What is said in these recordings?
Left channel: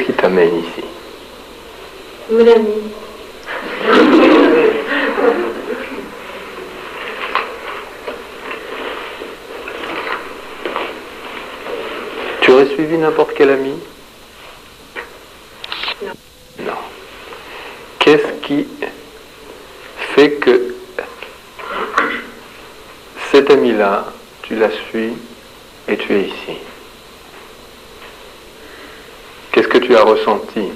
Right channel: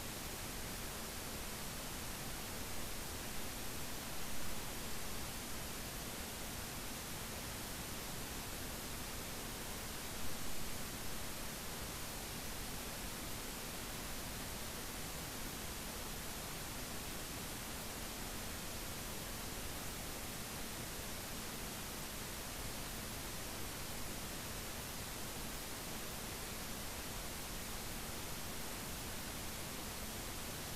Qu'est-ce qui t'amène ici? Me l'a mis. Tu aurais suivi n'importe quel ami? Non. Non. Qu'est-ce qui fait que cet ami-là, tu la suis et tu es ici? Qu'est-ce que tu as ressenti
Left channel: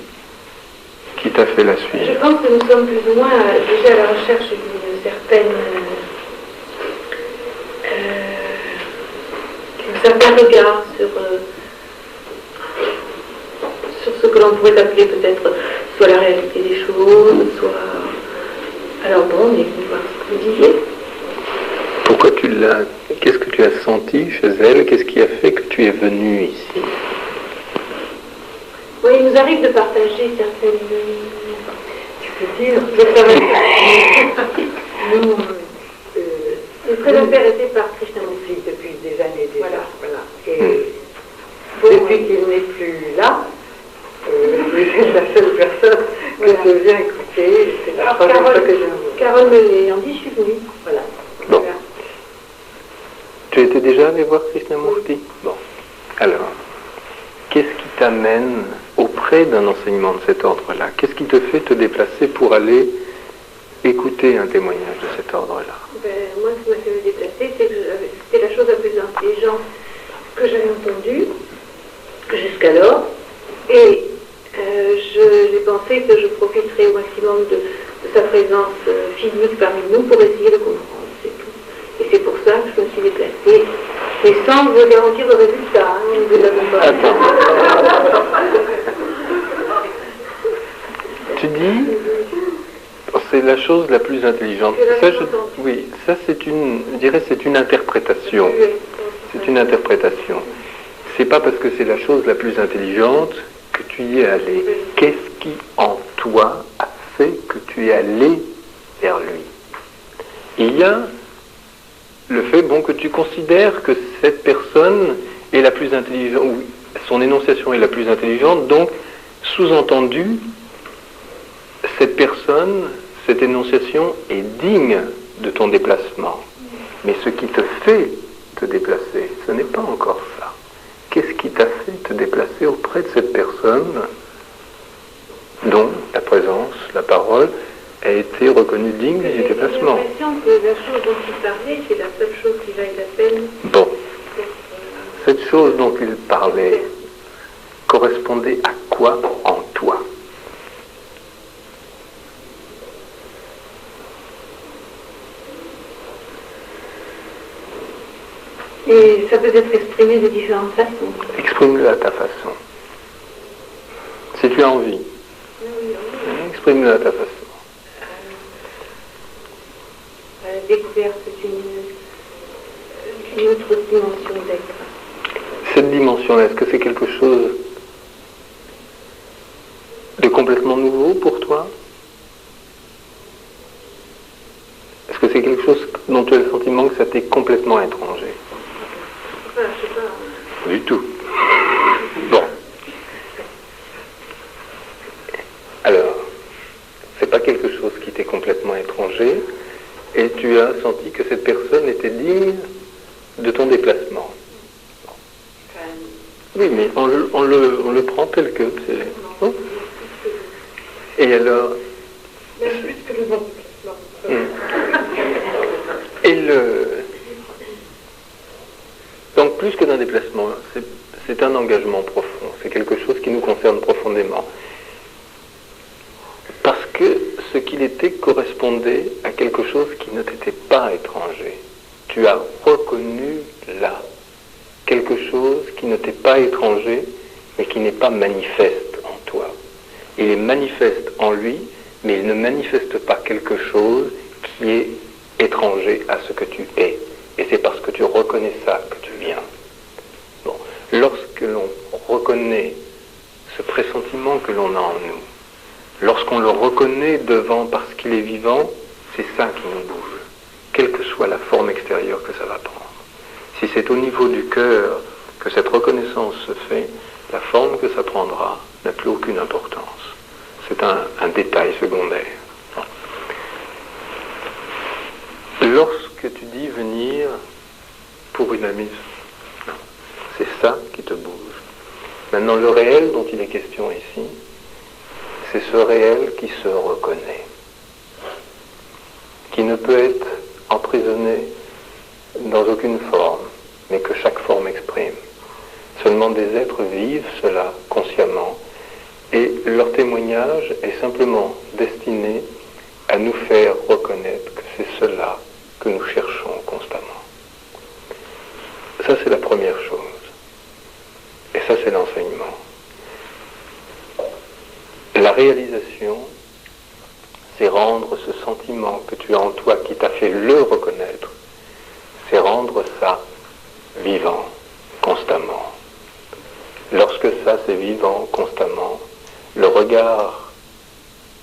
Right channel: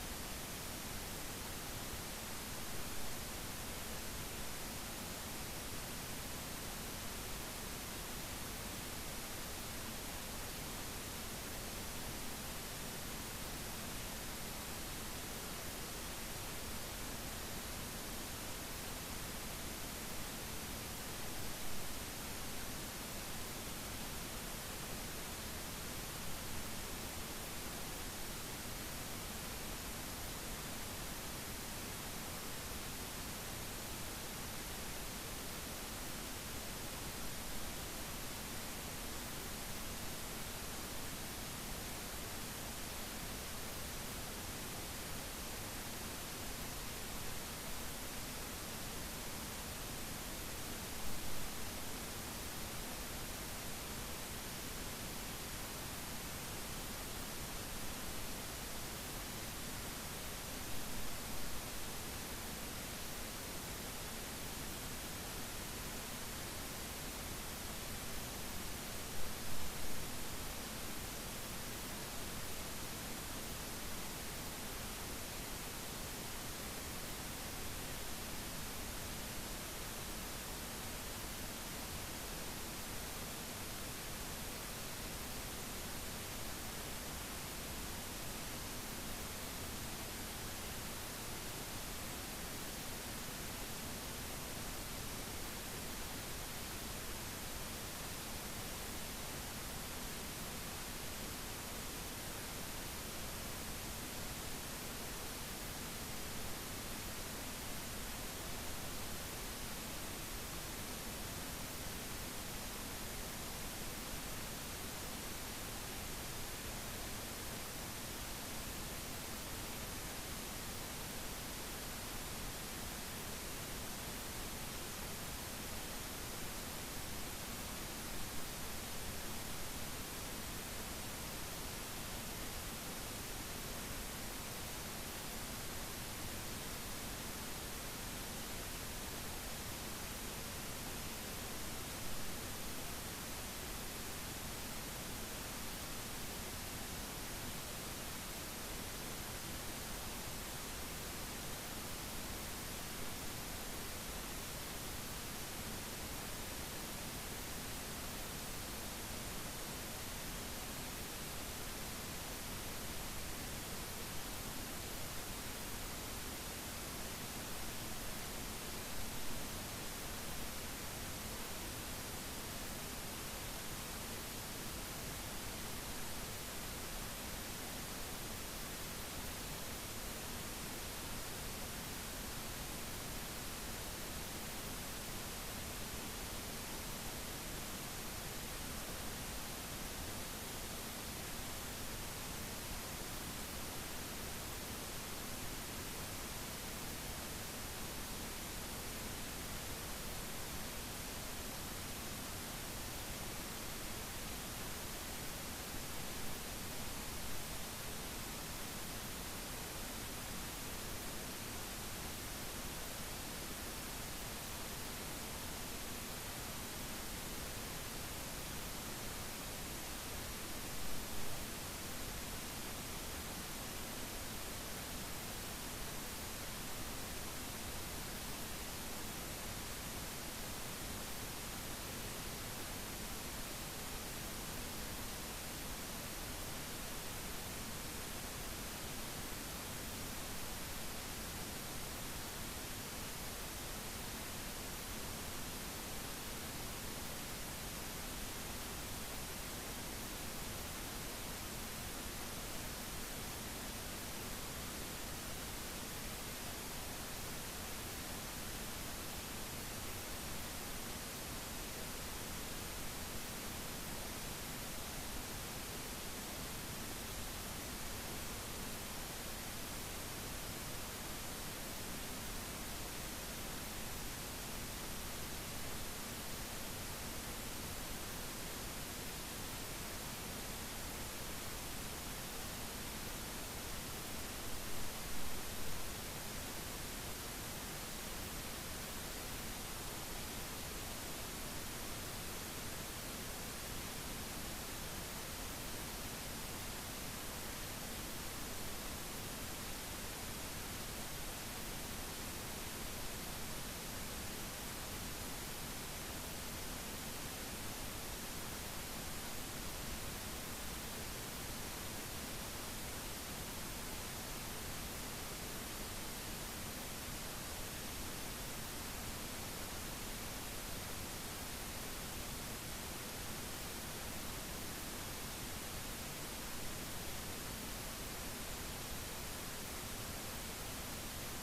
qui t'a fait la suivre? Je pense que nous sommes plus ou moins déjà à la recherche d'une certaine... d'un certain regard sur ce que l'on pourrait appeler peut-être soit la réalité des choses, soit... Alors bon, on est venu voir ce que vous disiez. Pourquoi tu l'as... Qu'est-ce que tu as senti chez elle? Qu'est-ce qui a fait que tu es venu ici? Oui, il nous arrive de partager certaines... Tu peux dire, nous, très intéressés par Krishnamurti depuis des années déjà. Voilà. Et depuis qu'il n'est plus là, vous êtes la seule personne que je viens écouter. C'est la première fois que je viens vous. Carole me l'ayant dit, je suis venue. Voilà. Bon. Voilà. Tu étais déjà allé voir Krishnamurti? Bon. Alors, qu'est-ce qui t'amène auprès d'un enseignement de cet ordre-là? Qu'est-ce qui te fait te déplacer pour aller écouter un témoignage de cet ordre-là? Moi, ce qui m'a fait me déplacer, c'est que c'était la chose la plus intelligente que j'avais entendue jusqu'alors. Et j'ai pensé que je profiterais au maximum de sa présence physique parmi nous pour essayer de comprendre, c'est tout. Et c'est pour ça que je me suis déplacée. Mais sans vous garantir le résultat, hein, vous l'avez pas. Attends. Tu dis, c'est la chose la plus intelligente. Ça, oui, ça c'est une, je dirais, c'est une interprétation. C'est une interprétation. C'est pas parce que c'est la chose la plus intelligente que tu y es allé. Qu'est-ce qui en toi a fait que tu es allé vers lui? Il y a le fait, bon, que tu considères que cette personne est la plus intelligente, ou son énonciation est la plus intelligente, donc, sous-entendu, cette personne, cette énonciation est digne de ton déplacement. Mais ce qui te fait te déplacer, ce n'est pas encore ça. Qu'est-ce qui t'a fait te déplacer auprès de cette personne dont la présence, la parole, a été reconnue digne du déplacement? J'ai l'impression que la chose dont il parlait, c'est la seule chose qui vaille la peine. Bon. Cette chose dont il parlait correspondait à quoi en toi? Et ça peut être exprimé de différentes façons. Exprime-le à ta façon. Si tu as envie. Exprime-le à ta façon. La découverte d'une autre dimension d'être. Cette dimension-là, est-ce que c'est quelque chose de complètement nouveau pour toi? Est-ce que c'est quelque chose dont tu as le sentiment que ça t'est complètement étranger? Enfin, je sais pas. Du tout. Bon. Alors, c'est pas quelque chose qui t'est complètement étranger, et tu as senti que cette personne était digne de ton déplacement. Oui, mais on le prend tel que c'est. Hein? Et alors... Et donc plus que d'un déplacement, c'est un engagement profond, c'est quelque chose qui nous concerne profondément. Parce que ce qu'il était correspondait à quelque chose qui ne t'était pas étranger. Tu as reconnu là quelque chose qui ne t'est pas étranger, mais qui n'est pas manifeste en toi. Il est manifeste en lui, mais il ne manifeste pas quelque chose qui est étranger à ce que tu es. Et c'est parce que tu reconnais ça que tu viens. Bon. Lorsque l'on reconnaît ce pressentiment que l'on a en nous, lorsqu'on le reconnaît devant parce qu'il est vivant, c'est ça qui nous bouge, quelle que soit la forme extérieure que ça va prendre. Si c'est au niveau du cœur que cette reconnaissance se fait, la forme que ça prendra n'a plus aucune importance. C'est un détail secondaire. Lorsque tu dis venir pour une amie, c'est ça qui te bouge. Maintenant, le réel dont il est question ici, c'est ce réel qui se reconnaît, qui ne peut être emprisonné dans aucune forme, mais que chaque forme exprime. Seulement des êtres vivent cela consciemment, et leur témoignage est simplement destiné à nous faire reconnaître que c'est cela que nous cherchons constamment. Ça, c'est la première chose. Et ça, c'est l'enseignement. La réalisation, c'est rendre ce sentiment que tu as en toi, qui t'a fait le reconnaître, c'est rendre ça vivant, constamment. Lorsque ça, c'est vivant, constamment, le regard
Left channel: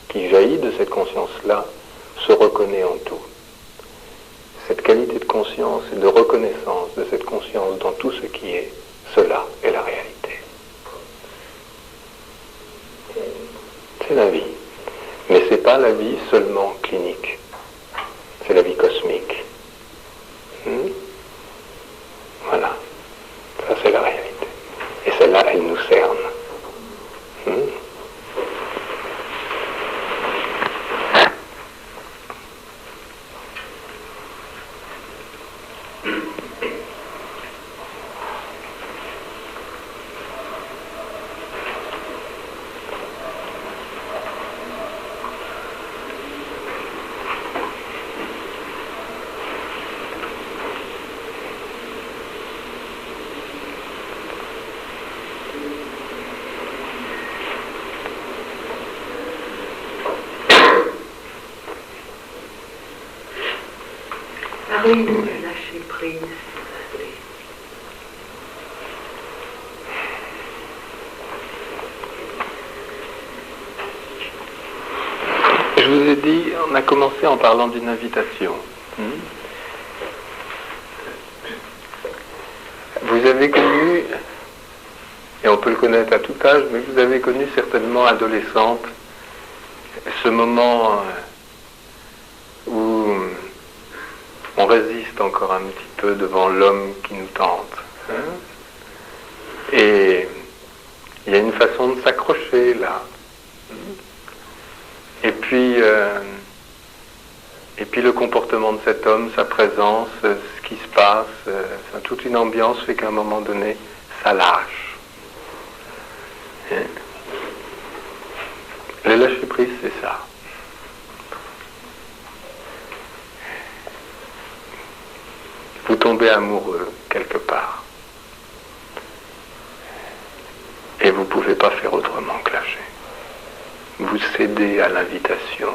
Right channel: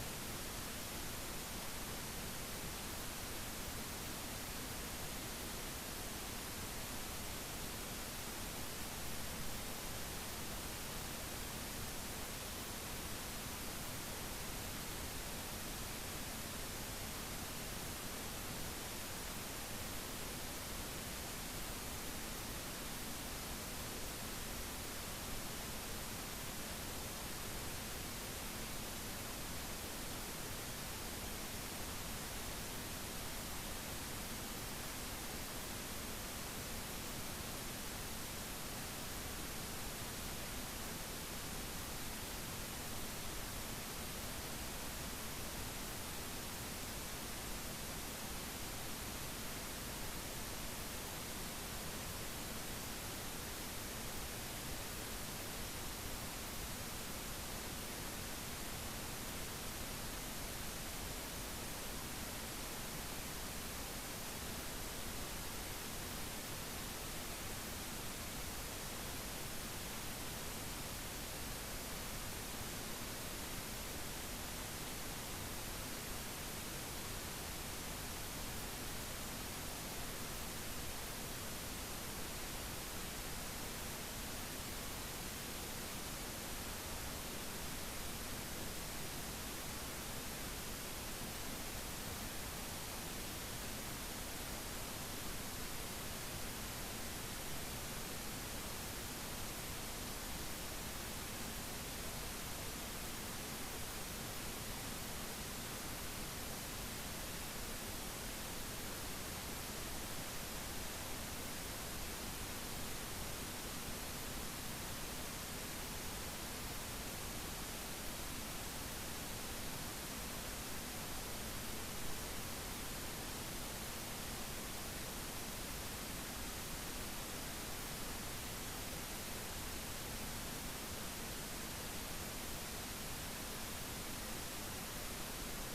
qui jaillit de cette conscience-là se reconnaît en tout. Cette qualité de conscience et de reconnaissance de cette conscience dans tout ce qui est, cela est la réalité. C'est la vie. Mais ce n'est pas la vie seulement clinique. C'est la vie cosmique. Voilà. Ça, c'est la réalité. Et celle-là, elle nous cerne. Parlez-nous de lâcher prise. Je vous ai dit, on a commencé en parlant d'une invitation. Vous avez connu, et on peut le connaître à tout âge, mais vous avez connu certainement adolescente, ce moment où on résiste encore un petit peu devant l'homme qui nous tente. Et il y a une façon de s'accrocher là. Et puis le comportement de cet homme, sa présence, ce qui se passe, toute une ambiance fait qu'à un moment donné, ça lâche. Le lâcher-prise, c'est ça. Vous tombez amoureux quelque part. Et vous ne pouvez pas faire autrement que lâcher. Vous cédez à l'invitation.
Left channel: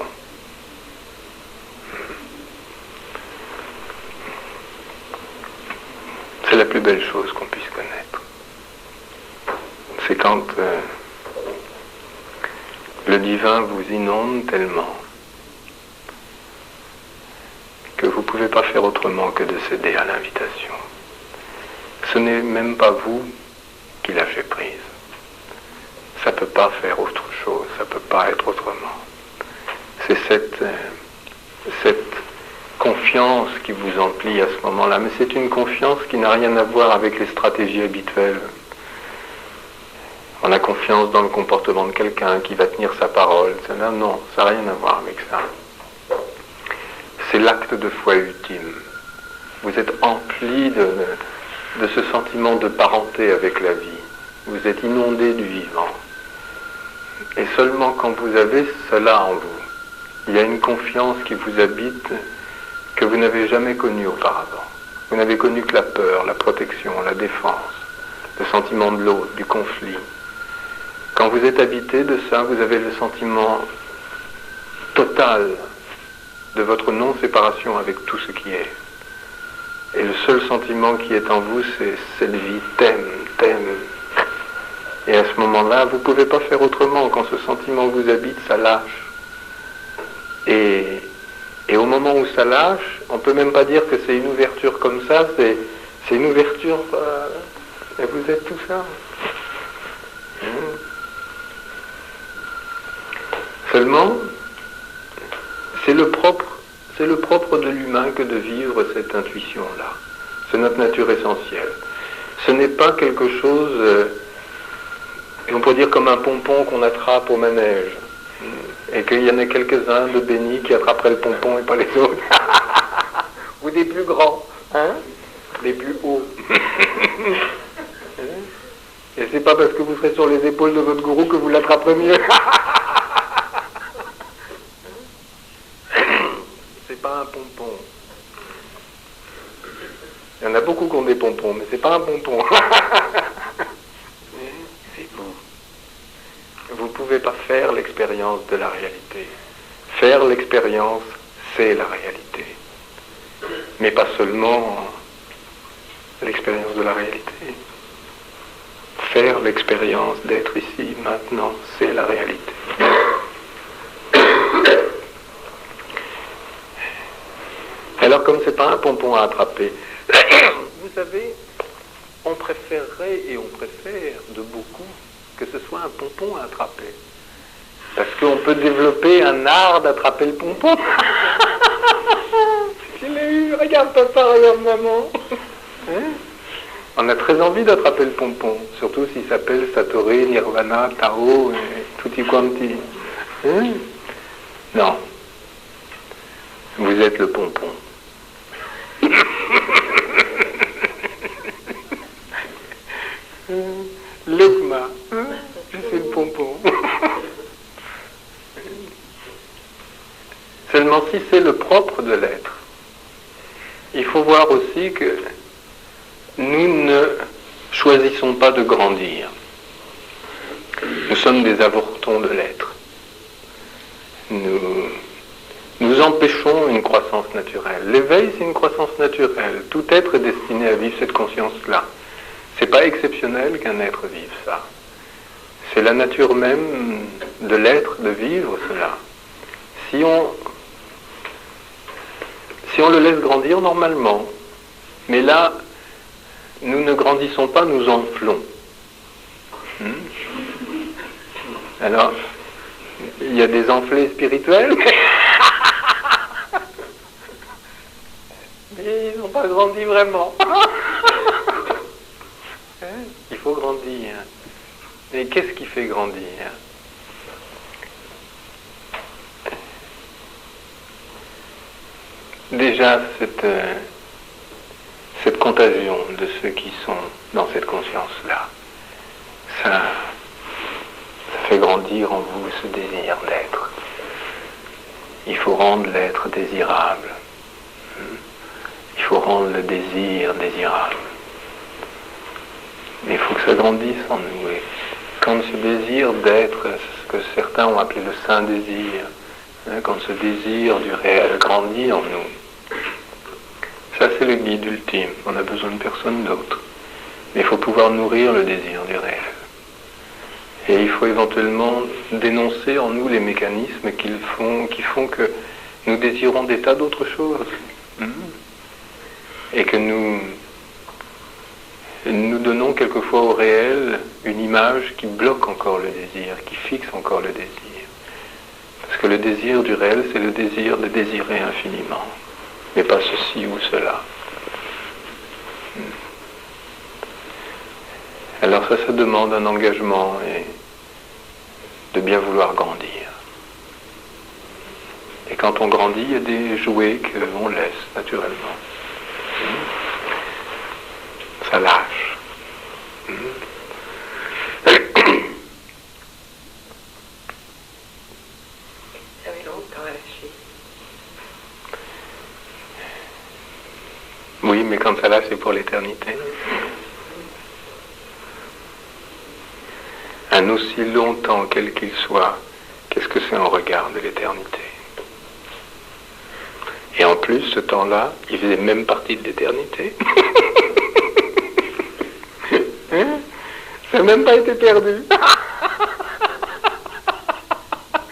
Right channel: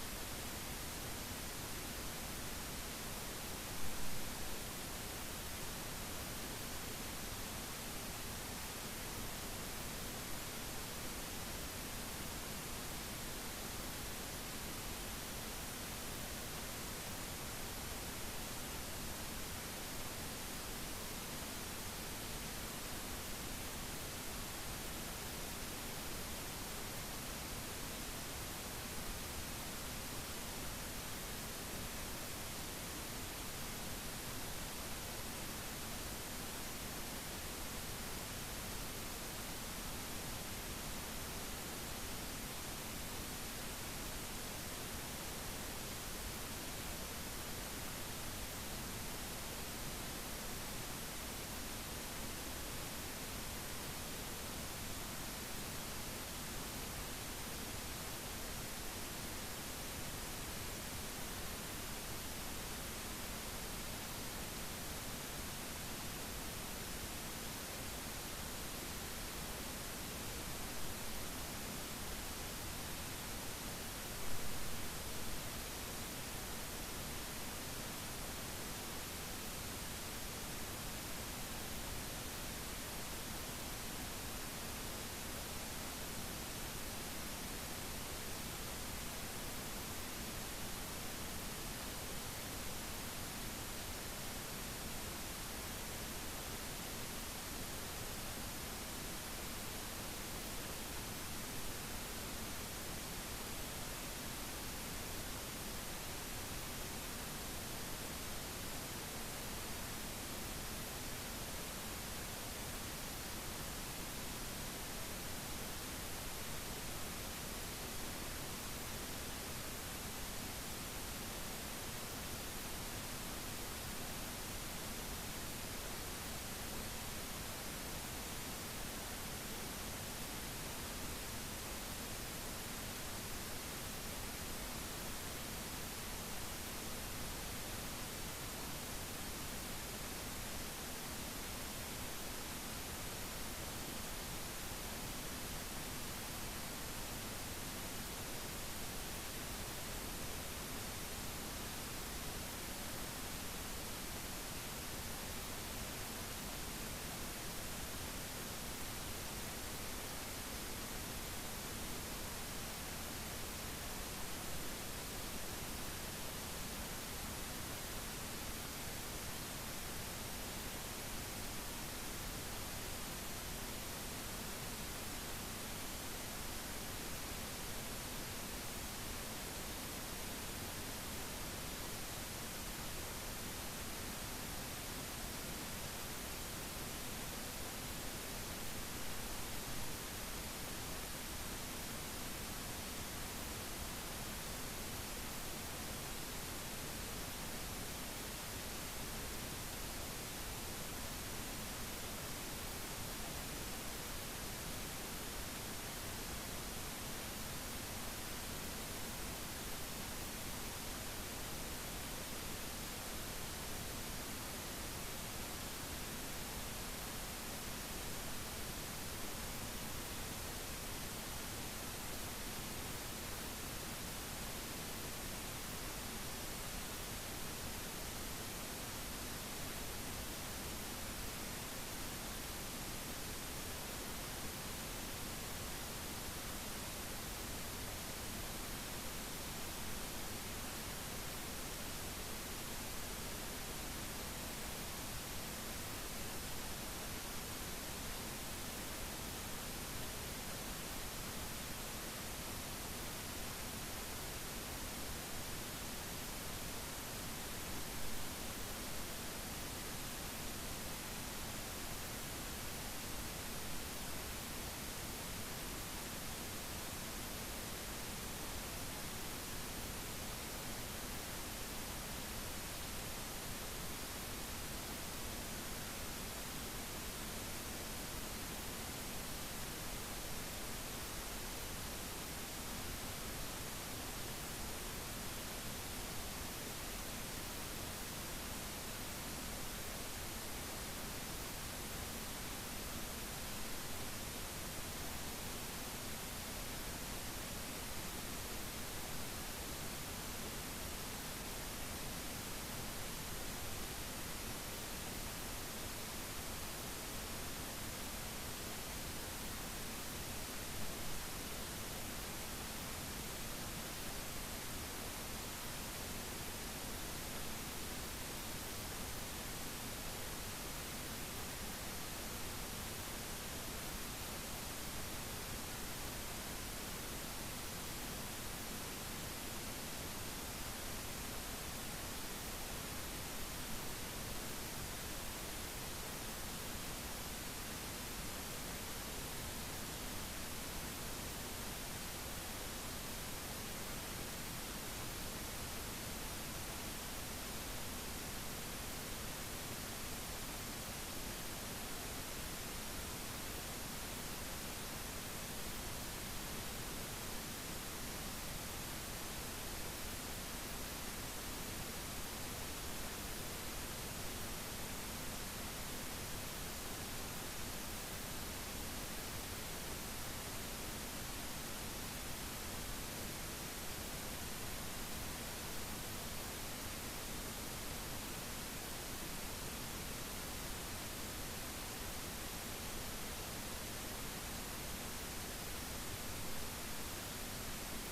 C'est la plus belle chose qu'on puisse connaître. C'est quand le divin vous inonde tellement que vous ne pouvez pas faire autrement que de céder à l'invitation. Ce n'est même pas vous qui lâchez prise. Ça ne peut pas faire autre chose, ça ne peut pas être autrement. C'est cette confiance qui vous emplit à ce moment-là, mais c'est une confiance qui n'a rien à voir avec les stratégies habituelles. On a confiance dans le comportement de quelqu'un qui va tenir sa parole. Non, ça n'a rien à voir avec ça. C'est l'acte de foi ultime. Vous êtes empli de ce sentiment de parenté avec la vie. Vous êtes inondé du vivant. Et seulement quand vous avez cela en vous, il y a une confiance qui vous habite que vous n'avez jamais connue auparavant. Vous n'avez connu que la peur, la protection, la défense, le sentiment de l'autre, du conflit. Quand vous êtes habité de ça, vous avez le sentiment total de votre non-séparation avec tout ce qui est. Et le seul sentiment qui est en vous, c'est cette vie t'aime. Et à ce moment-là, vous ne pouvez pas faire autrement. Quand ce sentiment vous habite, ça lâche. Et au moment où ça lâche, on ne peut même pas dire que c'est une ouverture comme ça, c'est une ouverture... et vous êtes tout ça. Seulement, c'est le propre de l'humain que de vivre cette intuition-là. C'est notre nature essentielle. Ce n'est pas quelque chose, on pourrait dire comme un pompon qu'on attrape au manège. Et qu'il y en a quelques-uns de bénis qui attraperaient le pompon et pas les autres. Ou des plus grands, hein, des plus hauts. Et c'est pas parce que vous serez sur les épaules de votre gourou que vous l'attraperez mieux. C'est pas un pompon. Il y en a beaucoup qui ont des pompons, mais c'est pas un pompon. C'est vous. Vous ne pouvez pas faire l'expérience de la réalité. Faire l'expérience, c'est la réalité. Mais pas seulement l'expérience de la réalité. Faire l'expérience d'être ici, maintenant, c'est la réalité. Alors comme c'est pas un pompon à attraper, vous savez, on préférerait et on préfère de beaucoup que ce soit un pompon à attraper. Parce qu'on peut développer un art d'attraper le pompon. Je l'ai eu, regarde papa, regarde maman. Hein? On a très envie d'attraper le pompon, surtout s'il s'appelle Satori, Nirvana, Tao, et tutti quanti. Hein? Non. Vous êtes le pompon. L'Ukma, je suis le pompon. Seulement si c'est le propre de l'être, il faut voir aussi que nous ne choisissons pas de grandir. Nous sommes des avortons de l'être. Nous empêchons une croissance naturelle. L'éveil, c'est une croissance naturelle. Tout être est destiné à vivre cette conscience-là. C'est pas exceptionnel qu'un être vive ça. C'est la nature même de l'être de vivre cela. Si on le laisse grandir normalement, mais là, nous ne grandissons pas, nous enflons. Alors, il y a des enflés spirituels, mais ils n'ont pas grandi vraiment. Il faut grandir. Et qu'est-ce qui fait grandir? Déjà, cette contagion de ceux qui sont dans cette conscience-là, ça fait grandir en vous ce désir d'être. Il faut rendre l'être désirable. Il faut rendre le désir désirable. Mais il faut que ça grandisse en nous. Et quand ce désir d'être, ce que certains ont appelé le saint désir, quand ce désir du réel grandit en nous, ça c'est le guide ultime. On n'a besoin de personne d'autre. Mais il faut pouvoir nourrir le désir du réel. Et il faut éventuellement dénoncer en nous les mécanismes qui font que nous désirons des tas d'autres choses. Et que nous donnons quelquefois au réel une image qui bloque encore le désir, qui fixe encore le désir. Parce que le désir du réel, c'est le désir de désirer infiniment, mais pas ceci ou cela. Alors ça demande un engagement et de bien vouloir grandir. Et quand on grandit, il y a des jouets qu'on laisse naturellement. Ça lâche. Oui, mais quand ça lâche, c'est pour l'éternité. Un aussi long temps, quel qu'il soit, qu'est-ce que c'est en regard de l'éternité? Et en plus, ce temps-là, il faisait même partie de l'éternité. Hein? Ça n'a même pas été perdu.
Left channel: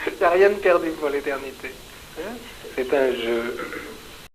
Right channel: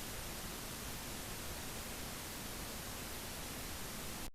Il n'y a rien de perdu pour l'éternité. Hein? C'est un jeu.